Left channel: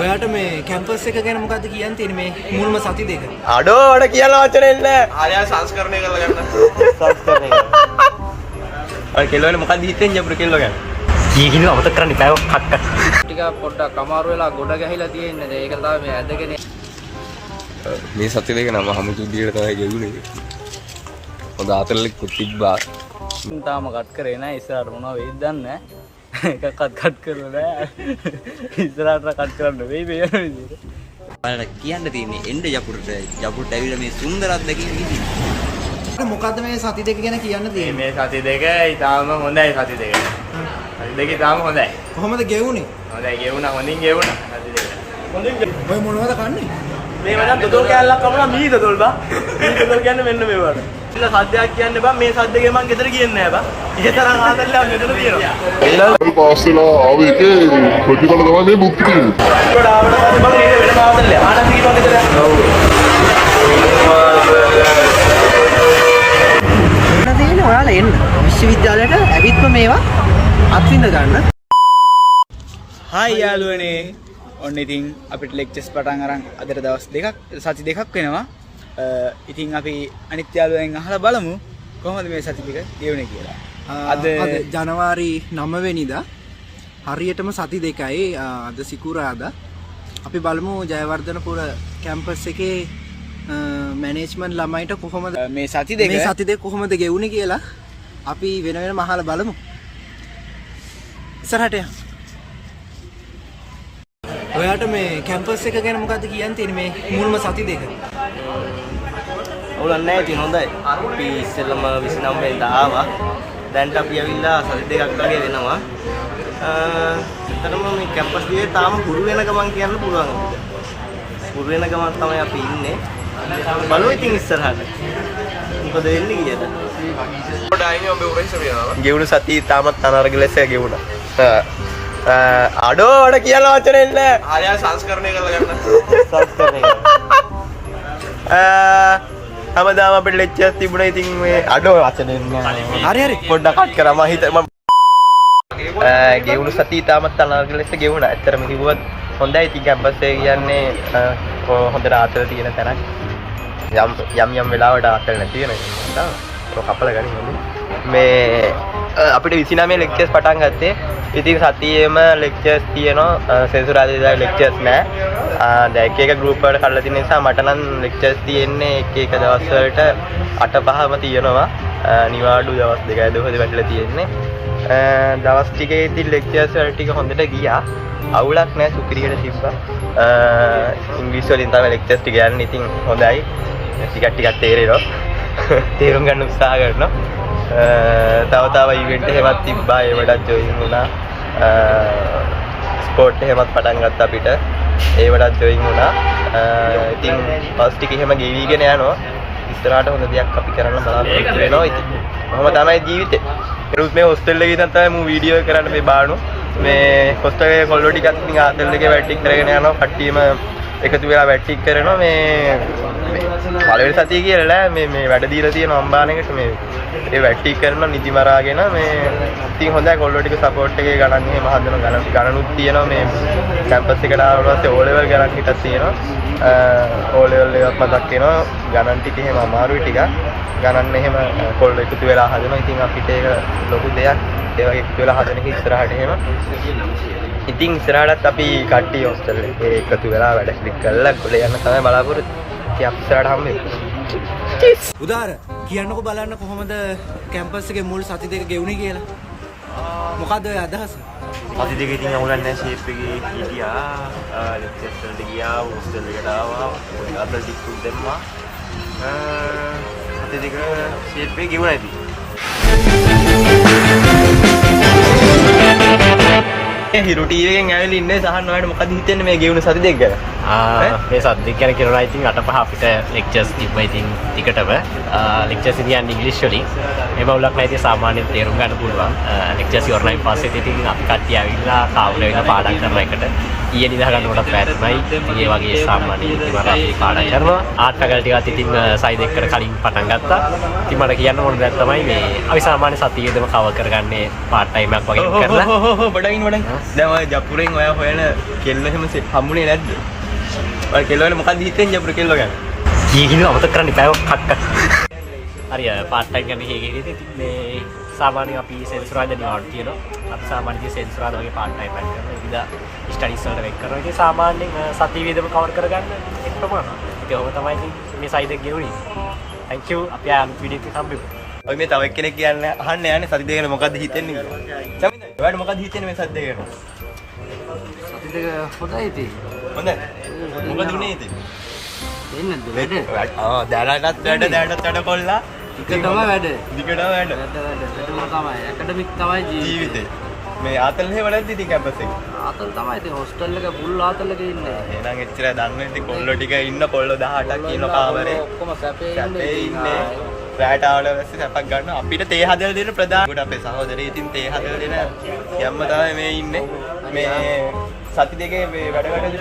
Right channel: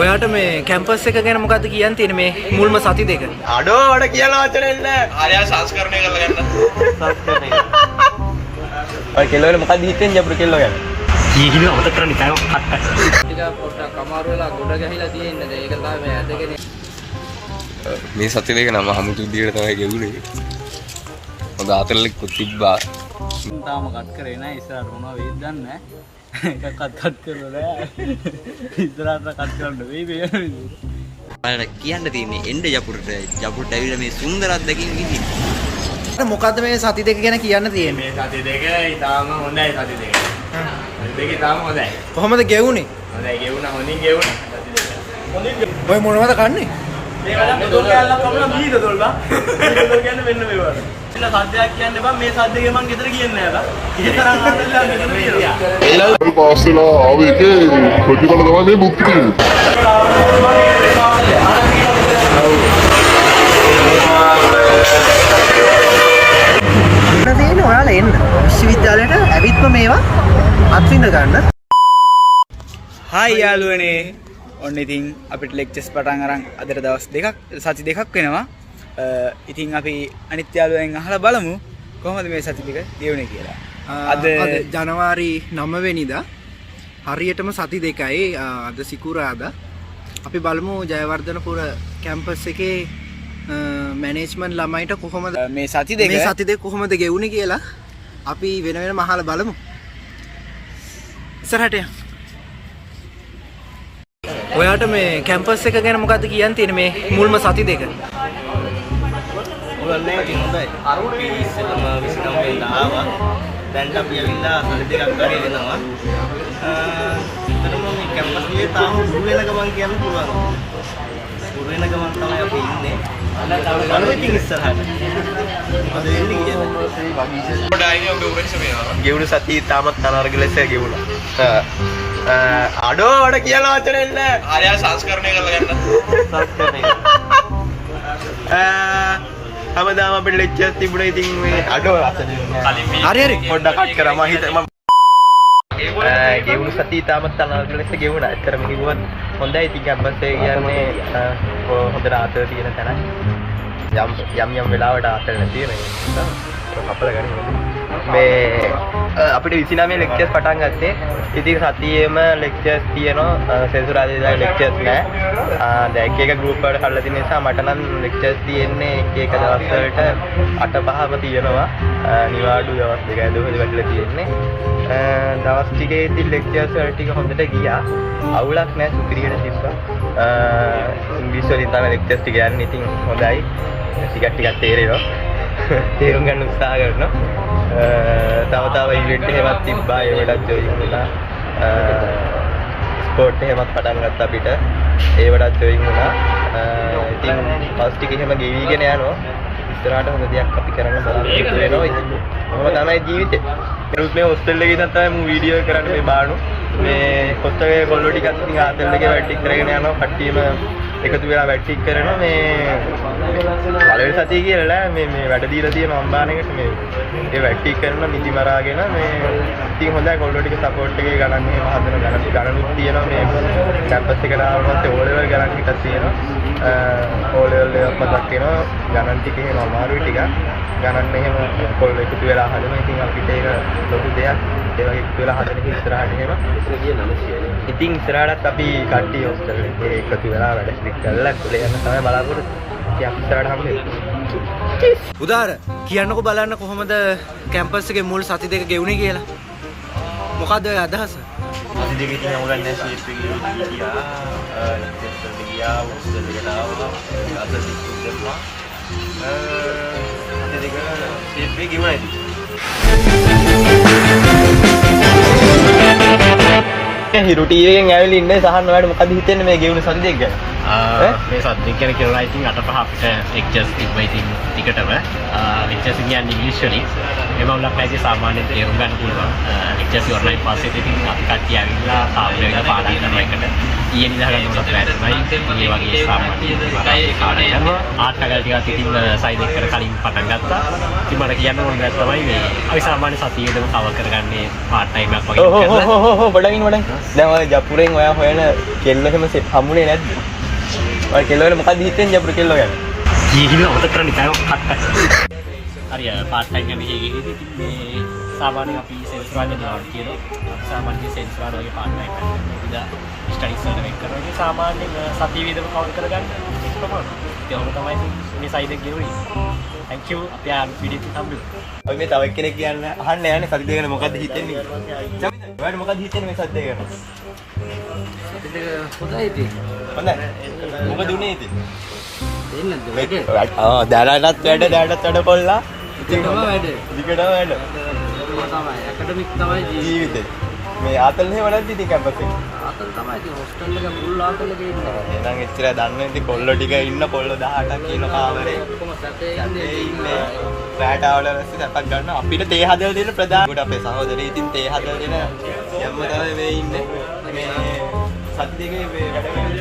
ඔයාට මේ කැම්පස් එක ගැන මොකද්ද කියන්න තියෙන්නේ මේ මුල්ම සති දෙක? අඩෝ වඩ කියලා වචනේ නැහැ. ආර්ය සංස්කරණය කරලා යන්න. සංස්කරණය. ඔය කෙල්ලෝ වල මොකද්ද හිතෙන් ජපුර කෙල්ලෝ ගැන? ඊගින අමතක කරන්න ඉතාව කට්ට. ටික පොඩ්ඩක් අමාරු වෙලා ගොඩ ගැහිලා තියෙන්නේ. ඒක තමයි මේ ඇදගෙන මේ සති දෙක නම හමුතු විදියට තමයි ගෙවුනේ. හොඳ ආතරලෙකුත් තිබ්බා. තාම කට් කරේ නැහැ. ඉස්සරහට මොනවා වෙයිද දන්නේ නැහැ. එකක්වත් කට් කරලා නැහැ. ඉස්සරහට කට් කරන්න වෙයි මේ විදියට. ඔයාලට කියන්න තියෙන්නේ එන්න ජපුරට. ජපුරට ඇවිල්ලා මේ සුන්දර අත්දැකීම් විඳින්න. මොකද්ද මේ සති දෙක ගැන කියන්න තියෙන්නේ? මේ සති දෙක ඉතාලම හොඳයි සති දෙක. සති දෙක ඉතාලම හොඳයි. කොහොමද ගෙවුනේ? හොඳයි ගෙවුණා හොඳින් ගෙවුණා. ඔය මොනවද කන්නේ? මේ වඩා දොඩොල් කැලලක් කපලා මී දොඩොල් බා. මී දොඩොල් කියන්නේ මෙන්න මේ වඩ. ඉතින් සද්දයක් කියන්න බෑ මේ සද්දේ මං ගෙදර කියන්නේ නෑ බා. ඒ තරම් ආදරලා මෙතන කියනවා. ඒලා පාස්සලා ආවේ ඒකේ ප්‍රතිඵල තමයි මේ මුක්ති තියෙන්නේ. තියෙන්නේ ඔයාලා එන්න විශ්වවිද්‍යාලයට ඇවිත්ම මේවා අත්විඳ ගන්න. හායි යාළුවනේ. ඔන්න ඉතින් අපිට ලෙක්චර්ස් පටන් අරන් අදට දවස් දෙකක් සති දෙකක් වෙනවා. ඉතින් අපි අනිත් යාළුවෙන් අහලා බලමු කොහොමද මේ සති දෙක ගෙවුනේ කියලා. අද ජනවාරි 9 වෙනිදා හරියටම සති දෙකයි අද සිකුරාදා. අපි බලමු ජයවර්ධනපුර කැම්පස් එකේ මැනේජ්මන්ට් ළමයිට කොහොමද මේ සති දෙක කොහොමද ගෙවුනේ කියලා අපි වෙන වෙනම අහලා බලමු. ඉස්සරහට යන්න. ඔයාට මේ කැම්පස් එක ගැන මොකද්ද කියන්න තියෙන්නේ මේ මුල්ම සති දෙක? ඕලන්නේ නැහැ ඉතින් හොඳයි. අපි ඉස්සෙල්ලම 29 වෙනිදා ආවා. දැන් අපි ඇවිල්ලා සති දෙකක් වගේ වෙනවා. ඒතරම මේ කැම්පස් එකේ තාම පුරු වෙන ගමන් කියන්න පුළුවන්. පුරු වෙන ගමන් තමයි අපි ඉන්නේ. බලමු ඉතින් ඉස්සරහට. මොකද වෙන්නේ කියලා. පොඩ ආයේ ඔබ උරෙන්ස වෙනවා. ගෙවුණු සතිය තාමත් අනර්ග ලෙස ගෙවුණා. අඩෝ වඩ කියලා වචනේ නැහැ. ආර්ය සංස්කරණය කරලා යන්න. සංස්කරණය. හැමදාම අපිට ලෙක්චර්ස් තිබුණා ඉතින් මේ අඩෝ වචනේ නැහැ. හරි පොඩ්ඩක් කට් කරා මම හිත ගෙවුණු සතිය තාමත් අනර්ග ලෙස ගෙවුණා. ඇත්තටම කිව්වොත් හොඳයි ඉතින් කැම්පස් එක කියන්නේ හොඳට ආතල් තියෙන තරම් යම් වෙලාවට ආතල් නැති වෙනවා. ඒක කපල ගන්න මේ අපිට 29 ලෙක්චර්ස් පටන් ගත්තේ. ඉතින් සතියේම ලෙක්චර්ස් තියෙනවා. සෙන්සුරාදා ලෙක්චර්ස් නෑ. දැන් එක ගෲප් වලට කඩලා තියෙන නිසා මට නම් ලෙක්චර්ස් තියෙන්නේ එක දවස් වලට 8-5ම තියෙනවා. නිවාඩු දවස් දෙකයි දෙකද වැටලා තියෙන්නේ. දවස් ටිකේ ඉතින් ලෙක්චර්ස් වල ටික හොඳට ගියා. අවුලක් නෑ සුපිරියට තිබ්බා. ඉංග්‍රීසි වලින් තමයි ලෙක්චර්ස් ටික යන්නේ. ඉතින් හොඳයි. ටිකක් තේරෙනවා. තේරුම් ගන්න උත්සාහ කරනවා. තව ඉවෙන්ට් එකක් තිබ්බා ඒවටත් ජොයින් වුණා. ස්පෝර්ට් එකක් පටන් ගත්තා අපිට. ඒවටත් ජොයින් වුණා. ඉතින් ෆස්ට් ටික එහෙම ගෙවිගෙන යනවා. ඉස්සරහට හොඳ දෙයක් අපි කරන්න බලාපොරොත්තු වෙනවා. ඉතින් කොහොම තමයි ජීවිතේ. ඊට මේ හොස්ටල් එකේ ඉඳන් තමයි මම වීඩියෝ කරන්න මේ බානු. මේ හොස්ටල් එකේ කොල්ලෝ ටිකක් ඉතින් ආතල් එකේ වැට් ටික කරගෙන යනවා. කට්ටියම එකතු වෙලා වැට් ටික කරනවා. මේ පළවෙනි සතිය කියලා මේ වැඩ දීලා තියෙන අම්බානෙකට මේ ඒ වැට් ටික කරන නිදි මරාගෙන මේ ඉතින් හොඳයි කොල්ලෝ ටික සපෝට් එකේ ගණන් එහෙම හදන ගණනුත් තියෙනවා. මේ කැම්පස් එකට ආවට පස්සේ ඕ ලෙවල් ගණන් ටිකක් තියෙනවා. ඕ ලෙවල් එකක් මතක් වෙනවා. ගණන් ටික එහෙම අමාරුයි ටිකක්. ගණන් එහෙම කොල්ලෝ එකතු වෙලා හදනවා. ඉතින් අපිට ඒක ලොකු දෙයක්. ඒ වගේ එකතු වෙලා හදන එක ඉස්සරහට එහෙම. ඉතින් ඉස්සරහටත් අපි කට්ටිය හොස්ටල් එකේ එකතු වෙලා වැඩ කරලා ගොඩ යන්න තමයි බලාපොරොත්තු. ඉතින් අපි ඉස්සරහට හම්බ වෙමු. උදාර කියන්නකෝ බලන්න කොහොමද කැම්පස් එකේ මුල් සති දෙක ගෙවුනේ කියලා. මොකද්ද ඔය අදහස? අපි දෙක ඉතින් ඕගන්නේ ෂේප් එකේ ගියා. ලෙක්චර්ස් වලට ගියා. හොස්ටල් එකට ආවා. අද කිව්ව දෙන්නා. අපි දෙක ෂේප් එකේ ගිහුවා ඉතින්. හිරු ටීවී එකෙන් ඇවිල්ලා ඉන්නේ සහන් ඔයාලට මොකද හිතෙන්නේ මේ ගෙවුණු සති දෙක ගැන? මේ සද්දෙක් ගැන කියනවා ඉතින් 8-5 අපිට ලෙක්චර්ස් තිබ්බා ඉතින් ටිකටම ලෙක්චර්ස් කියන්නේ ඉංග්‍රීසි වලින් මේ බවුලක් නැති සාමාන්‍යයෙන් තේරුම් ගන්න පුළුවන් ලෙක්චර්ස් ඉවරනයින් පස්සේ ඉතින් අපි කට්ටිය ආවිලා කාමරේ වෙන පාඩම් කරන එකට ඊයේ නිදා ගන්න කොට පැරණයි ඉතින් මේ වගේ සාමාන්‍ය ඉතින් අපි පාඩම් කරනවා ආර්ට් ෆැකල්ටි එකත් ඉතින් සයිඩ් එකට කලින් පටන් ගත්තා ඉතින් මට කියන්න ඕන දෙයක් තමයි මේ අපි සාමාන්‍ය සතියේදම කවර් කරගන්නේ පාර්ට් ටයිම් එකක් වගේ කරලා බඩගින් දැන් ඔය ජපුරෙන් ඔයා හොයන කෙල්ල එහෙම හම්බුනේ නැද්ද? ඔය කෙල්ල වල මොකක්ද හිතෙන්නේ ජපුර කෙල්ල ගැන? ඊහින අමතක කරන්න ඉතාලම කට්ට. හරි පාර්ට් ටයිම් ගන්න හේගෙදී ඉතින් මේ සාමාන්‍ය අපි සෙන්සුරාල් දෙනවා කියනවා. අපි සාමාන්‍ය සෙන්සුරාල් වගේ පාර්ට් ටයිම් කරනවා. ඉතින් ස්ටඩීස් වල එක් කරනවා. ඉතින් සාමාන්‍යයෙන් සතිය වේදම කවර් කරගන්න එක තමයි. ඒක තමයි මේ සයිඩ් එක ගෙවුනේ. thank you. අපි ආයෙත් වීඩියෝ එකක් හම්බෙමු. ඔය මේ තව එක්කෙනෙක් කියන්නේ අහන්න යන්නේ සති දෙක ගැන මොකද්ද හිතෙන්නේ කියලා. චමින්ද ඔයාලට මොකද්ද හිතෙන්නේ මේ සති දෙක ගැන? සති දෙක හොඳයි ඉතින්. හොඳයි. මොකද උනේ ඉතින්? දෙන්නද වැඩ? දාලාටත් වැඩ කොල්ලා. ඉතින් තමයි වැඩ. දිගටම වැඩ. වැඩම තමයි. ඇකඩමික් තමයි ජීවිතේ. මේ ආතල් එහෙම නැද්ද ඉතින් කැම්පස් එකේ? ආතල් තමයි ඉතින් හොස්ටල් එක මුල් ආතල් එකේ ඉන්නේ. එහෙනම් එච්චර දන්නේ ඉතින් කොල්ලෝ ටික ඉන්න කොල්ලෝ 18ක් කියන කාමරේ. ඔක්කොම සැපේ ඉන්නේ. රැට ආවල රැස්සේ සැපක් ගන්න අපිට තේ හදලා දෙන ප්‍රධාන කොට අපේ සහෝදරයෝ ඉතින් තේ හදලා දෙන යම්ම තමයි මේ ඉන්නේ. මේ සති දෙකේ මේ වැඩ කොහොමද?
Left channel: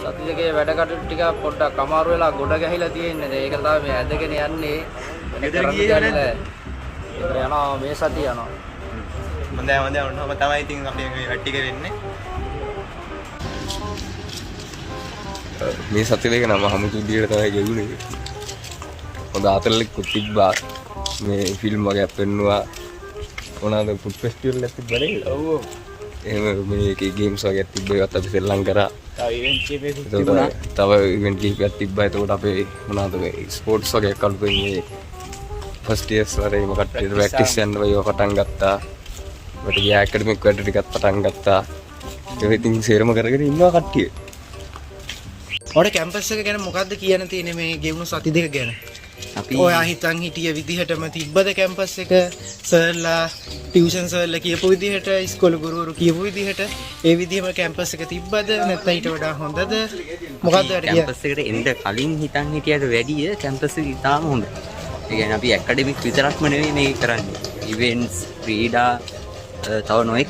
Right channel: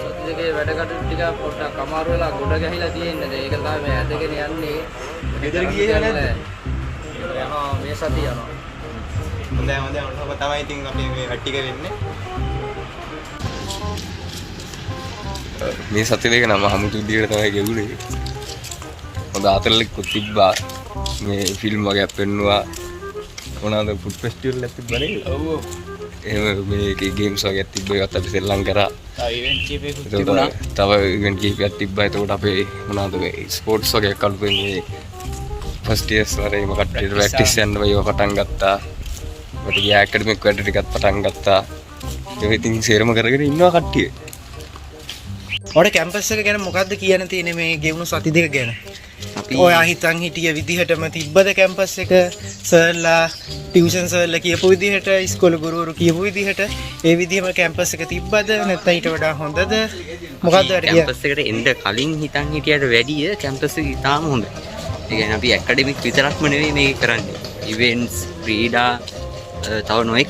සති දෙකේ වැඩ කටයුතු ටික පොඩ්ඩක් අමාරු වෙලා ගොඩ ගැහිලා තියෙන්නේ. ඒක තමයි මේ ඇදගෙන යන්නේ. ගෙදර ගියේ නැද්ද? ගෙදර යනවා මේ සතිය යනවා. හොඳයි ඔන්නම තමයි ඉතින් අපි මේ වැඩ ටික වෙන්නේ. මේ සති දෙක නම් හමුතු විදියට තමයි ගෙවුනේ. හොඳ ආතල්ලෙකුත් තිබ්බා. මේ ෆිල්ම් වගේ පෙන්නුවා. මොනවාද ෆුඩ් ෆෙස්ටිවල් එකක් තිබ්බනේ. ඔව්. එහෙම මේකේ ගේම්ස් වගේ තිබ්බා. ඒවත් අපි සෙල්ලම් කරා. ඉවෙන්ට් කීපයක් තව ඉවෙන්ට් කීපයක් තිබ්බා. එතකොට අපේ මොනවාද මේ ස්පෝර්ට්ස් වගේ කල්පෙන් මේ ෆස්ට් ඉයර්ස් වලේ මොකක්ද ප්‍රැක්ටිස් යන්න වගේ පටන් ගත්තා. මට ගියා ඇකඩමික් වැඩ ටිකක් පටන් ගත්තා. ඒක ඉතින් සේරම කරගෙන ඉන්නවා කට්ටිය. ඔයාලට කැම්පස් එක ගැන මොකද්ද කියන්න තියෙන්නේ මේ ගෙවුණු සති දෙක ගැන? අපි ඔයා හිතන් හිටිය විදිහටම තිබ්බද කැම්පස් එක? සර්ලා ටියුෂන් සර්ලා කියපු විදිහට, ඉස්කෝල ගුරුවරු කියපු විදිහට ඒ විදිහම කැම්පස් එක තිබ්බද? නැත්නම් ඊට වඩා හොඳද? මොකද්ද කැම්පස් එකට එන්න කලින් හිතන් හිටියට වැඩිය කැම්පස් එක ඉතාම හොඳයි. ඒ කියන්නේ අපි ඇකඩමික් විතරක්ම නෙවෙයි මේක කරන්නේ. ඉවෙන්ට්ස්, ක්‍රීඩා තව නොඑක්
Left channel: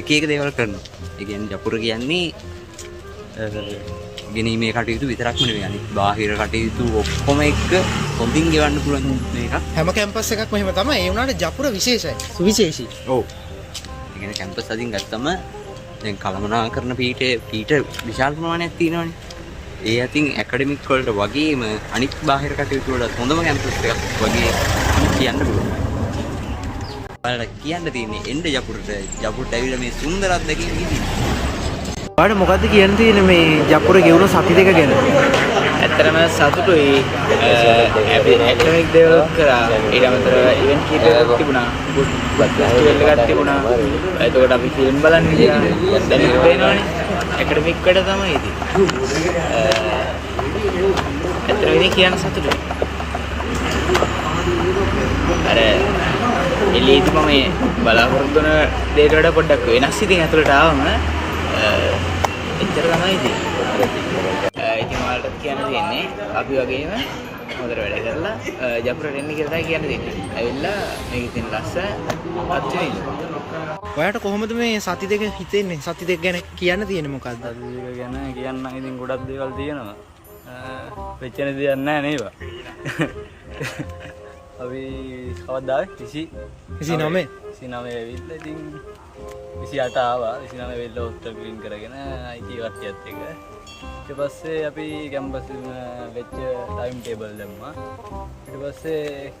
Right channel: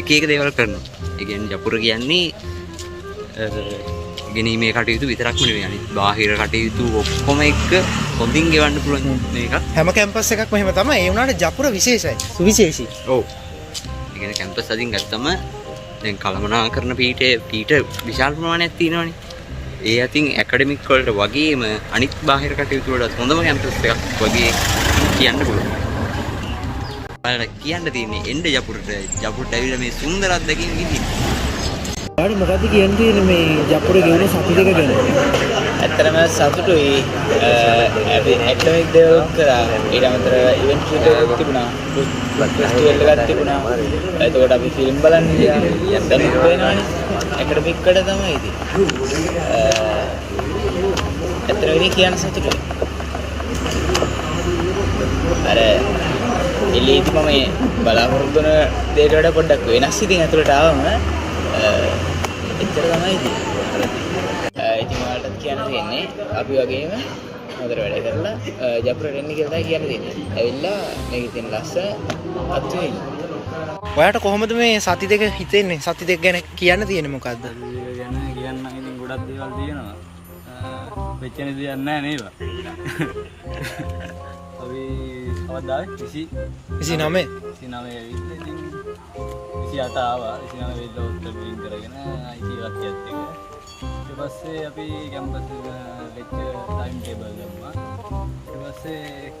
එක එක දේවල් කරනවා. ඒ කියන්නේ ජපුර කියන්නේ ගෙනීමේ කටයුතු විතරක්ම නෙවෙයි අනිත් බාහිර කටයුතු ඔක්කොම එක්ක හොඳින් ගෙවන්න පුළුවන් මේක. හැම කැම්පස් එකක්ම එහෙම තමයි. ඒ වුණාට ජපුර විශේෂයි. සුවිශේෂී. ඔව්. ඒ කියන්නේ කැම්පස් අදින් ගත්තම දැන් කළමනාකරන පීඨ විශාල ප්‍රමාණයක් තියෙනවානේ. ඒ අතින් ඇකඩමික් වලට වගේම අනිත් බාහිර කටයුතු වලට හොඳම කැම්පස් එකක් වගේ කියන්න පුළුවන්. ඔයාලට කියන්න තියෙන්නේ එන්න ජපුරට ඇවිල්ලා මේ සුන්දර අත්දැකීම් විඳින්න. ඔයාලට මොකද්ද කියන්න තියෙන්නේ මේ ජපුර ගෙවුණු සති දෙක ගැන? ඇත්තටම සතුටුයි. අපි ඇකඩමික් දේවල් කරා. ඊට අමතරව ඉවෙන්ට් කීපයක් තිබුණා. ෆුඩ් ෆෙස්ටිවල් එකක් තිබුණා. එතකොට අපි ෆිල්ම් බලන්න ගියා. දැන් ඉතින් පේනවනේ. ඇකඩමික් වැඩ තමයි ඉතින්. ඇත්තටම ඉතින් කියන්න සතුටුයි. අර එළියේදී මම බලාපොරොත්තු වෙන දේට වඩා පොඩ්ඩක් වෙනස් ඉතින් ඇතුළට ආවම එච්චර තමයි ඉතින්. ඉතින් ඔයාලටත් කියන්න තියෙන්නේ අපි වගේම හොඳට වැඩ කරලා ජපුරට එන්න කියලා තමයි කියන්න තියෙන්නේ. ඇවිල්ලා මේක ඉතින් ලස්සන අත්විඳින්න. ඔයාලට කොහොමද මේ සති දෙක හිතෙන්නේ? සති දෙක ගැන කියන්න තියෙන්නේ මොකද්ද? ගැන කියන්න ඉතින් ගොඩක් දේවල් තියෙනවා. වෙච්ච දෙයක් නැහැ නේද? අපි කවදාද 29 වෙවිලා ඉතින් 28 ආවා 29 වෙවිලා උත්තර වින් කරගෙන IT වත්යත් එක ඊට පස්සේ අපි කැම්පස් වෙච්ච ටයිම් ටේබල් දැම්මා ඊට පස්සේ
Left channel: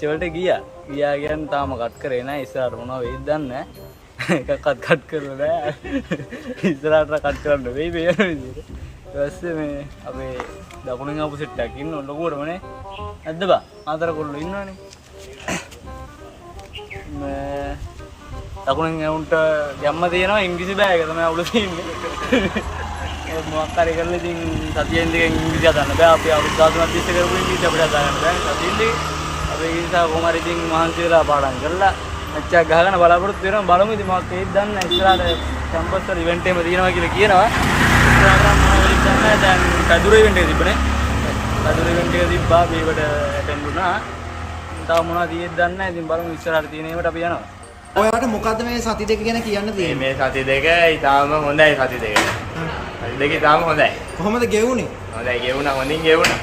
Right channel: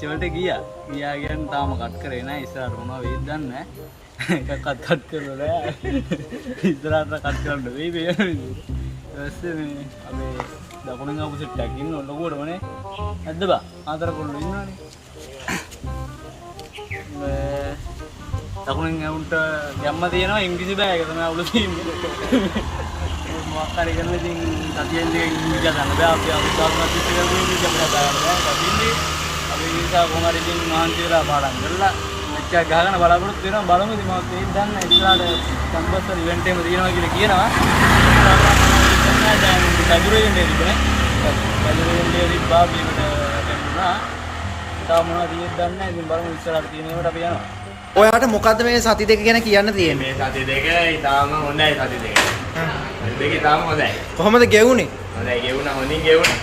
චෝල්ට ගියා කියන්නේ තාම කට් කරේ නැහැ ඉස්සරහට මොනවා වෙයිද දන්නේ නැහැ එකක්වත් කට් කරලා නැහැ ඉස්සරහට කට් කරන්න වෙයි මේ විදිහට ඊපස්සේ මේ අපේ දකුණෙන් ආපු සෙට් එකක් ඉන්න ලොකුවටමනේ නැද්ද බා ආතර කොල්ලෝ ඉන්නවනේ දකුණෙන් උන්ට ගැම්ම තියෙනවා ඉංග්‍රීසි බෑග් එක තමයි අවුල තියෙන්නේ මොකක් හරි කරලා ඉතින් සතියෙන් දෙකෙන් ඉංග්‍රීසි හදන්න බෑ අපි අවුරුදු 10ක් තිස්සේ කරපු ඉංග්‍රීසි අපිට හදාගන්න බෑ සතියෙන්දී අපි ඉංග්‍රීසි කොහොම හරි ඉතින් මහන්සි වෙලා පාඩම් කරලා එච්චර ගහගෙන බලාපොරොත්තු වෙනවා බලමු ඉතින් මම කේක් දන්න ඉස්සරහට කැම්පස් වල ඉවෙන්ට් එකම තියෙනවා කියලා කියනවා ඉස්සරහට මොනවද දන්නේ දැන් පැදුර ඉවෙන්ට් එක තිබ්බනේ පැදුර ඉවෙන්ට් එක තිබ්බා මේකට ඇටෙන්ඩ් වුණා තව මොනවද තියෙද්ද දන්නේ නැහැ ඉතින් බලමු ඉස්සරහට තියෙන ඒවාට අපි යනවා ඔයාට මොකද්ද මේ සති දෙක ගැන කියන්න තියෙන්නේ? මේ සති දෙක ඉතාලම හොඳයි සති දෙක. සති දෙක ඉතාලම හොඳයි. කොහොමද ගෙවුනේ? හොඳයි ගෙවුණා හොඳින් ගෙවුණා.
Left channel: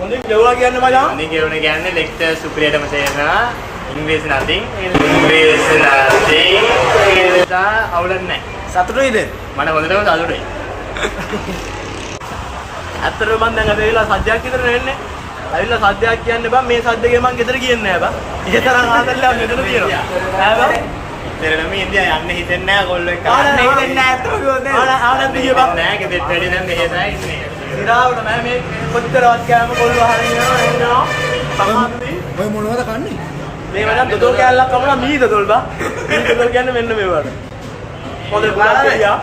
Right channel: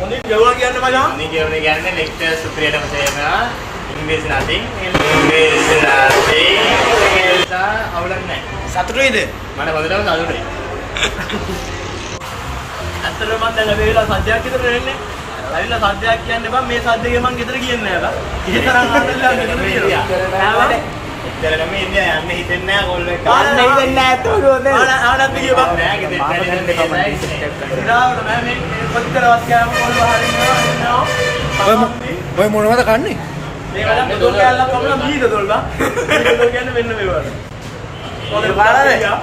හොඳින් ගෙවුවා කියන්නේ මචං. හොඳින් ගෙවුණා කියන්නේ ලෙක්චර් සුපිරියටම තේරෙනවා. ඉංග්‍රීසි නැතිනම් ඉංග්‍රීසි නැතිනම් අවුලක් නැහැ. සතුටුයිද? මට හොඳටම සතුටුයි. ඇත්තටම මම දැන් අපි වෙලා සද්දයක් විතර වෙන්නේ. ඇවිල්ලා සද්දයක් කියන්න බෑ මේ සද්දගේ මං ගෙදර කියන්නේ නෑ. ඒ තරම් ආදරලා මෙතන කියනවා. නෑ ඉතරම ඉන්දියා යන්න හිතෙන්නේ නැහැ කොල්ලෝ එක. ආන්න හිතෙන්නේ නැහැ කොහොමද? ආනන්ද හිතෙන්නේ නැහැ ගෙදර වැඩි දැන් මෙහෙ තමයි ඉන්නේ. ගාවට මම මේ පොත්තරවත් කියනම කොල්ලෝ අහන්නේ ඔය මොනවද කන්නේ? මේ වදන් දොඩොල් කැල්ලක් කපලා මී දොඩොල් බා. මී දොඩොල් කියන්නේ මෙන්න මේ වගේ. පොඩ බුලක් ගියා.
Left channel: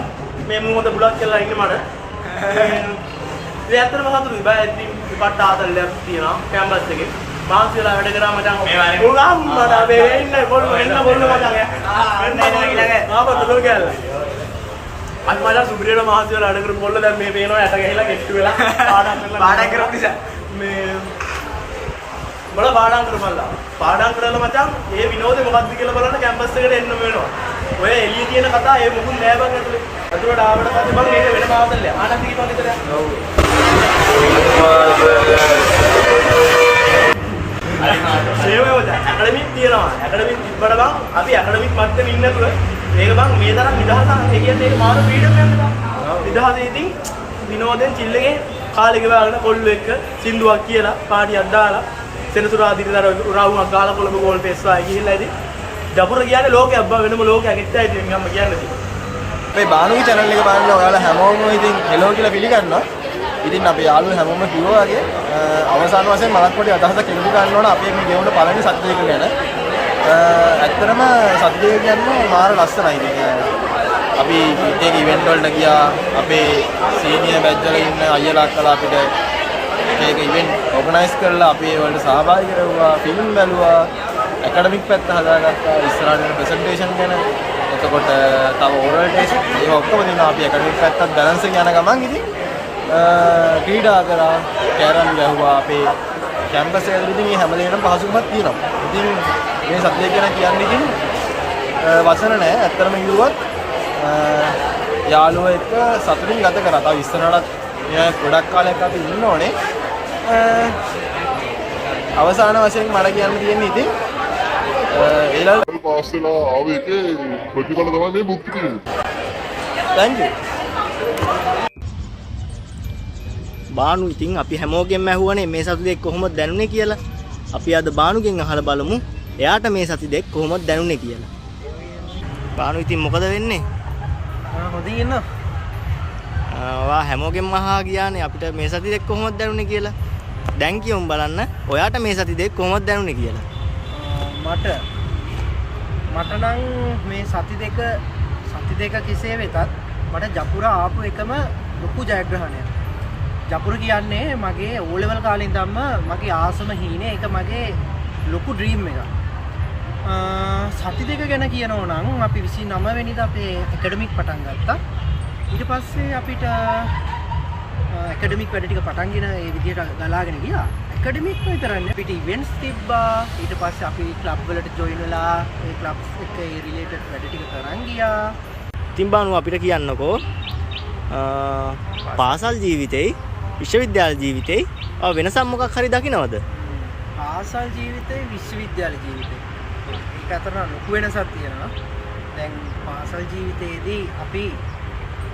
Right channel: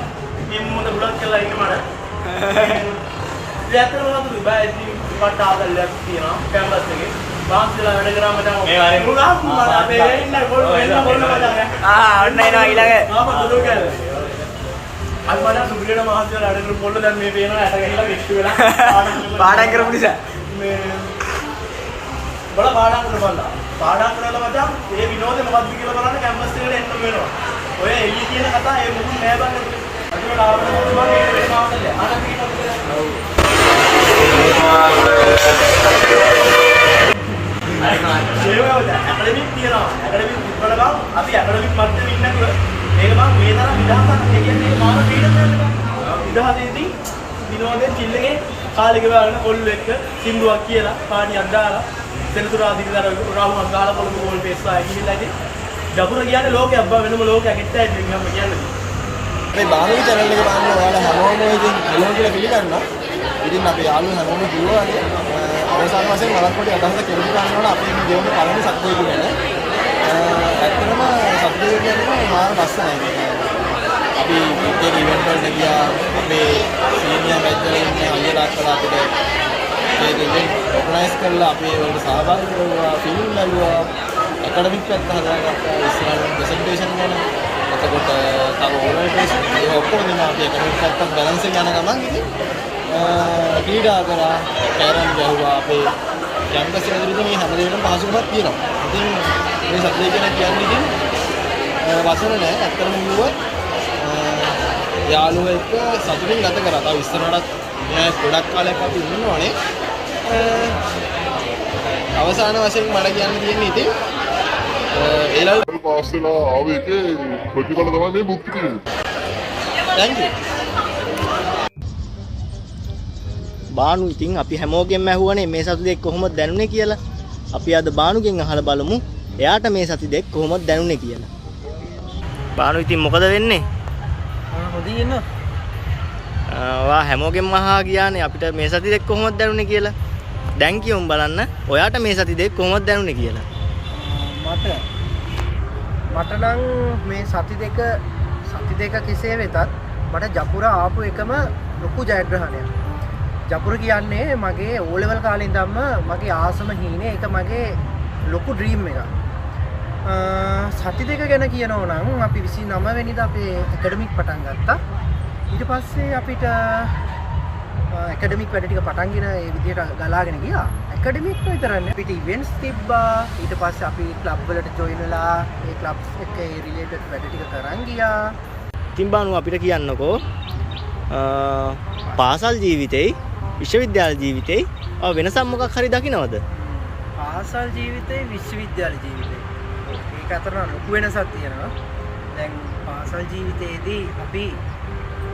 මේ මොහොත බුලක් කියලා ඉන්න මට. ඒ ඇත්තටම සතුටුයි බෑ ඉතින් කට ආදල්ලයක් තියෙනවා කැම්පස් එකේ. මාස්ලා වැඩ කරා මචං. උගම් මට අපේ වෙන්න කොල්ලෝ එන්න කොල්ලෝ මචං. අන්න එනවා ඊළඟ. ආපහු දොඩොල් කැල්ල. අයි මචං සුපිරියන මාස්ලා වැඩ කරපු කොල්ලෝ දැන් මේ පේනවා යට ගහලා ගෙට්ටු වෙලා පාඩම් කරපු නිසා මේ බල පාඩම් කරපළා. පාඩම් කරලා මචං මේ විනෝදේ මොකද්ද කියලා බලන්න කැම්පස් එකට එන්න වෙනවා. ඔය එළිය තියෙන කතා ඒ මුකුත් නෑ බං ඇතුලේ. අතුලට ආවට පස්සේ මම ඒක වෙන මාතල්ලයක්. ආනන්ද කීපක් විතර. සේවවද ඇකඩමික් කියනවා. ඇකඩමික් තිබ්බට බං අපි ඇකඩමික් මට්ටමේ ඉන්නකොට මේක බං මේ තරම් විදහාසක් ඒ කියන්නේ ඒක මාන ෆ්‍රීඩම් ගන්න බං. විදහාසෙදී විනෝදෙන් චිල්ලගේ කාලේ ගෙවගෙන කොල්ලෝ එක්ක සින්දුවක් කියලා පාටියක් දාලා සෙනසුරා දිවිතර රවුමක් ගාලා කොළඹ ගෝල් පෙස්සා ගිහිල්ලා ඉතින් දපුර කියන්නේ ලෝකයක් බව වෙනම ලෝකයක් ඉත්තයි ඉතින් මම කියන්නේ. මේ බානුගේ channel එක බලන්න ඔයාලා හැමෝම ඉතින් හෙලෝ කියලා පිළිගන්නවා. ඉතින් අපි යාළුවෝ හැමෝම කිව්වා වගේ අවසාන වශයෙන් මලක් පොඩි අදහසක් ඉදිරි ගන්න ඕන අපි මේ ගෙවුන පළවෙනි සත්‍යය ගැන. ඇත්තටම සත්‍යය කියන්නේ මාර ලස්සනයි. අපි ඒ ඉවෙන්ට් වලට ගියා අපේ සීනියර් බැච්වල ඉන්න අයියලා අක්කලා අපිට ඒක ඉවෙන්ට් ඕගනයිස් කරලා අපි ඒ වලට සහභාගී වෙවුවා ෆිල්ම් බැලුවා ඇකඩමික් පැත්ත හදාගත්තා ඉස්සරහින් ප්‍රසන්ටේෂන් ගැන එතකොට තව ඕරල් ටෙස්ට් ඒක ඔක්කොම දිනවා අපි ඇකඩමික් පැත්තත් බැලන්ස් එක යන ගමන් ඉතින් ක්‍රීඩා කරා කැරම් ගැහුවා අපේ කැම්පස් එකේ ඉතින් මේ හැම දෙයකටම පහසුකමක් තියෙනවා. ඉතින් මේ සබ්ජෙක්ට් ගැන කියන්නේ ඉතින් වචන නැහැ. ඇත්තටම කිව්වොත් යාළුවෝ එක්ක සතුටින් ගත කරා. තව ඉස්සරහටත් මෙයා ගොඩක් කාලයක් අපි ඉන්න ඕනේ. අවසාන වශයෙන් මට කියන්න තියෙන්නේ ඉතින් ඒලල් පාස් වෙලා ආවේ ඒකේ ප්‍රතිඵල තමයි මේ බුක් තියෙන්නේ. thank you. බානු ඉතින් අපි හැමෝගෙම ඇහුවනේ මේ සති දෙක කොහොමද දැනුනේ කියලා. අපි අද බානුගෙන් අහලා බලමු එයාට මේ සති දෙක කොහොමද දැනුනේ කියලා. බානු ඉතින් මොකද වෙන්නේ? හොඳින් ඉන්න. ඔයා හැමෝගෙම අහා ගියානේ අපිට මේ සති දෙක කොහොමද දැනුනේ කියලා. දැන් කියමු බලන්න ඔයාට මේ සති දෙක කොහොමද දැනුනේ කියලා. මට නම් මේ සති දෙක කෙසේ වෙතත් මට ජපුර ආපු එකම ලොකු ජයග්‍රහණයක්. ජපුර කියන්නේ මගේ O level කාලේ ඉඳන්ම මගේ ආසම හීනේ ඒක මගේ ලොකු ඩ්‍රීම් එකක්. සති දෙක ගැන කියනවා නම් අපි 29 වෙනිදා අපේ ඇකඩමික් පටන් ගත්තා. ඊට පස්සේ අපිට ඇකඩමික් වැඩ ටික පටන්ගෙන ඒ විදිහට ගලාගෙන ගියා. ඇකඩමික් විතරක් නෙවෙයි අපිට ඉවෙන්ට්ස් තිබ්බා. ඊට පස්සේ අපි ක්ලබ් වලට ජොයින් වෙලා ඒ ක්ලබ්ස් එක්ක ඒ රිලේටඩ් වැඩ ටික කරන් ගියා. ඉතින් බානු අපිට කියන්නකෝ පාසල් ජීවිතේ විශ්වවිද්‍යාල ජීවිතේ වෙනසක් මොකක් හරි දකින්නවද? පාසල් ජීවිතේ විශ්වවිද්‍යාල ජීවිතේ ඒක අතර ලොකු වෙනසක් තියෙනවා. දැන් පාසල් ජීවිතේදී අපි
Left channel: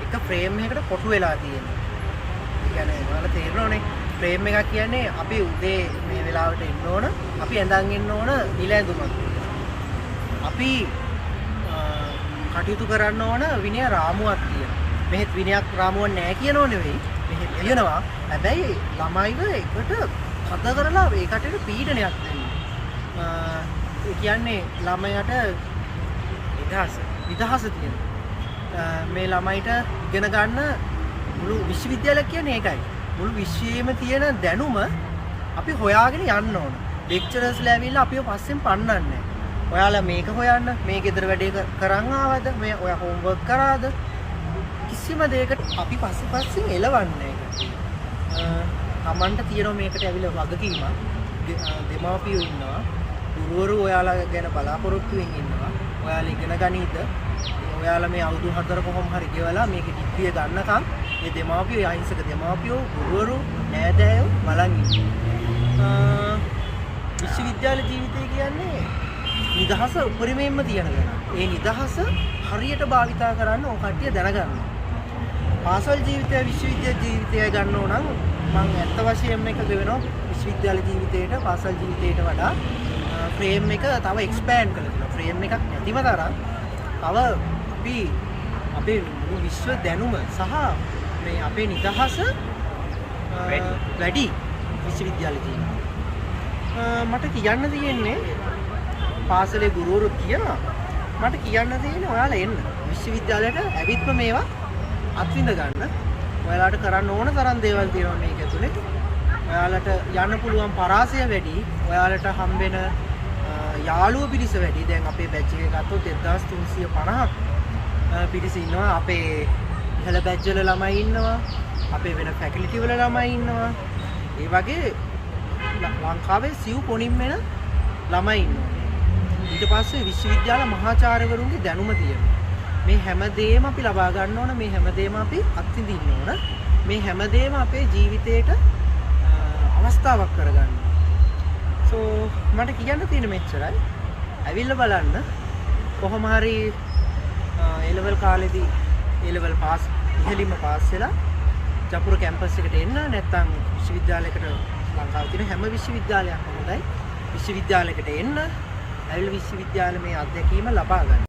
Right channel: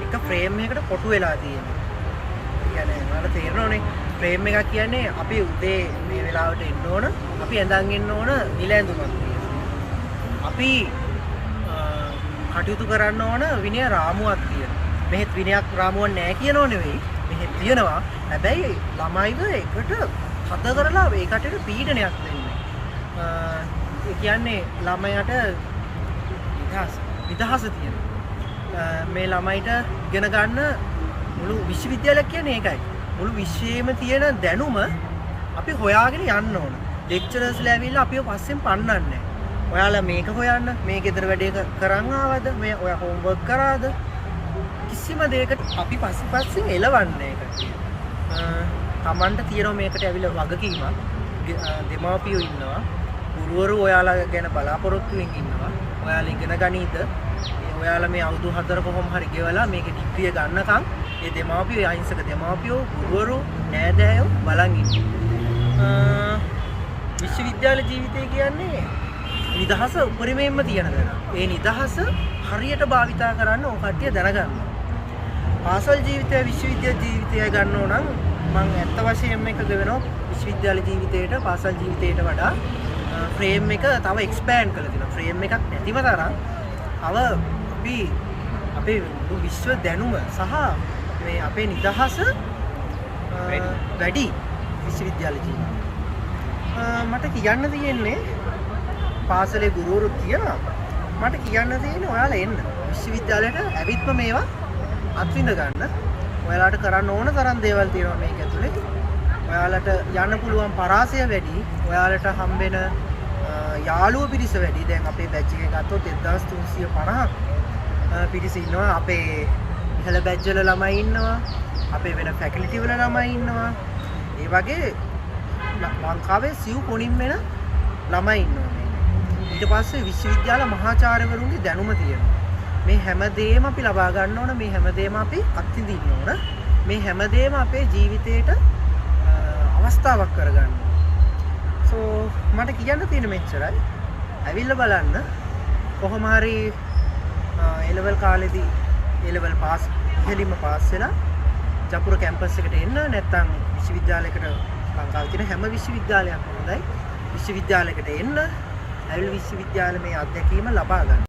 එක ෆ්‍රේම් එකකට කොටු වෙලා තියෙනවා. ඒ කියන්නේ ඔයාලා තේරෙනවනේ ෆ්‍රේම් එකක් කියන්නේ අපි උදේ මේ වෙලාවට එන්න ඕන, අපි ඇඳන් ඉන්න ඕන නිල ඇඳුමක් තියෙනවා. අපි කටයුතු කරන්න ඕන විනය රාමුවක් තියෙනවා. මෙහෙත් විනයක් රාමුවක් නැහැ කියනෝ නෙවෙයි. මෙහෙත් තියෙනවා. හැබැයි ළමයිව එකට හද කරලා ඒ කටට පීඩනයක් දෙන්නේ. ඒ කියන්නේ ළමයට විදහාස තියෙනවා. මේ ළමයිට ඉගෙන ගන්න මුළු විශ්වවිද්‍යාලයක් කියන්නේ ඒකයි. මුළු විශ්වයේම තියෙන දැනුම අපි හොයාගෙන යන්න ඕන. ලෙක්චරර්ස්ලා ඇවිල්ලා අපිව පස්සෙන් පන්නන්නේ. ඔයාලා මේක හොයන්න මේ ගෙදර වැඩේ කරන් ආවද මේ ඔයා හෝම්වර්ක් කරාද කිසිම දෙයකට අපි පස්සෙන් එලවන්නේ කට්ටිය. තමන්ට තියෙනවා මේකට ඇවිල්ලා වගකීමක්. දෙමාපියෝ ඉන්නවා. ගුරුවරු ඔයාලා ගැන බලාපොරොත්තුෙන් ඉන්නවා. ඔයාලා ඉගෙන ගනීද? ඔයාලා මේ අවුරුදු 4 කොහොම හරි ගෙවලා මේකේ ඩිග්‍රිය ගන්නකම් මේ දෙමාපියෝ අහිංසක දෙමාපියෝ ගුරුවරු නෑදෑයෝ බලන් ඉන්නවා. විශ්වවිද්‍යාල ජීවිතය කියන්නේ නිදහස උපරිමයෙන්ම තියෙන දේ. ඒ නිදහස හරියට භාවිතා කරන්න ඕන කට්ටිය දැනගන්නවා. පාසල් ජීවිතය විශ්වවිද්‍යාල ජීවිතය ගන්නෝ නම් මම ඇත්ත වශයෙන්ම එකග වෙනවා විශ්වවිද්‍යාල ජීවිතයට පාසල් ජීවිතයට වඩා ෆ්‍රේම් එක තව එක්ස්පෑන්ඩ් කරලා තියෙනවා. ෆ්‍රේම් එකක් නැතිව තරම් තව අපි අපේ මුළු විශ්ව දැනුම සහ මේ අපේ නිදහස වැඩි විශ්වවිද්‍යාල ජීවිතේ. මට කියන්න තියෙන්නේ පාසලේ ගුරුවරු කියනවා මට කියන්න තියෙන්නේ ඔයාලා එන්න විශ්වවිද්‍යාලයට ඇවිත්ම මේවා අත්විඳ ගන්න. ඔයාලට කරන්න ඕන තරම් දේවල් තියෙනවා මේක ඇතුලේ. ඔයාලට යන්න පුළුවන් පරාසය වැඩි. ඔයාලට හම්බෙන යාළුවෝ පිරිස වැඩි. දැන් අපේ බැච් එකේ ගත්තොත් 1350ක් පිරිස ඉන්නවා. අපේ ඉහළ බැච් වල ළමයි ඉන්නවා. අපේ වෙන ෆැකල්ටි වල ළමයි ඉන්නවා. ඒ වගේ ලංකාවේ සිව් කොණින් වෙන ළමයි ඉන්නවා මේ. ඊට පස්සේ විශ්වවිද්‍යාල මහාචාර්යවරුන්ගේ දැනුම තියෙනවා. මේ හැමදේම අපි ලබා ගන්න ඕන. මේ හැමදේම අපි අත්විඳින්න ඕන. මේ හැමදේම අපේ ජීවිතේට අවස්ථාවක් කරගන්න ඕන. සෝ මට කියන්න තියෙන මෙච්චරයි. ඇවිල්ලා බලන්න කොහොම හරි A level කාලෙදී A level පාස් ඉහළින්ම පාස් වෙලා ජපුර කැම්පස් එකට එන්න නැත්නම් විශ්වවිද්‍යාලයකට ලංකාවේ තියෙන හැම විශ්වවිද්‍යාලයක්ම හොඳයි. විශ්වවිද්‍යාලයකට එන්න ඇවිල්ලා විශ්වවිද්‍යාලේ මේ අත්දැකීම ලබා ගන්න.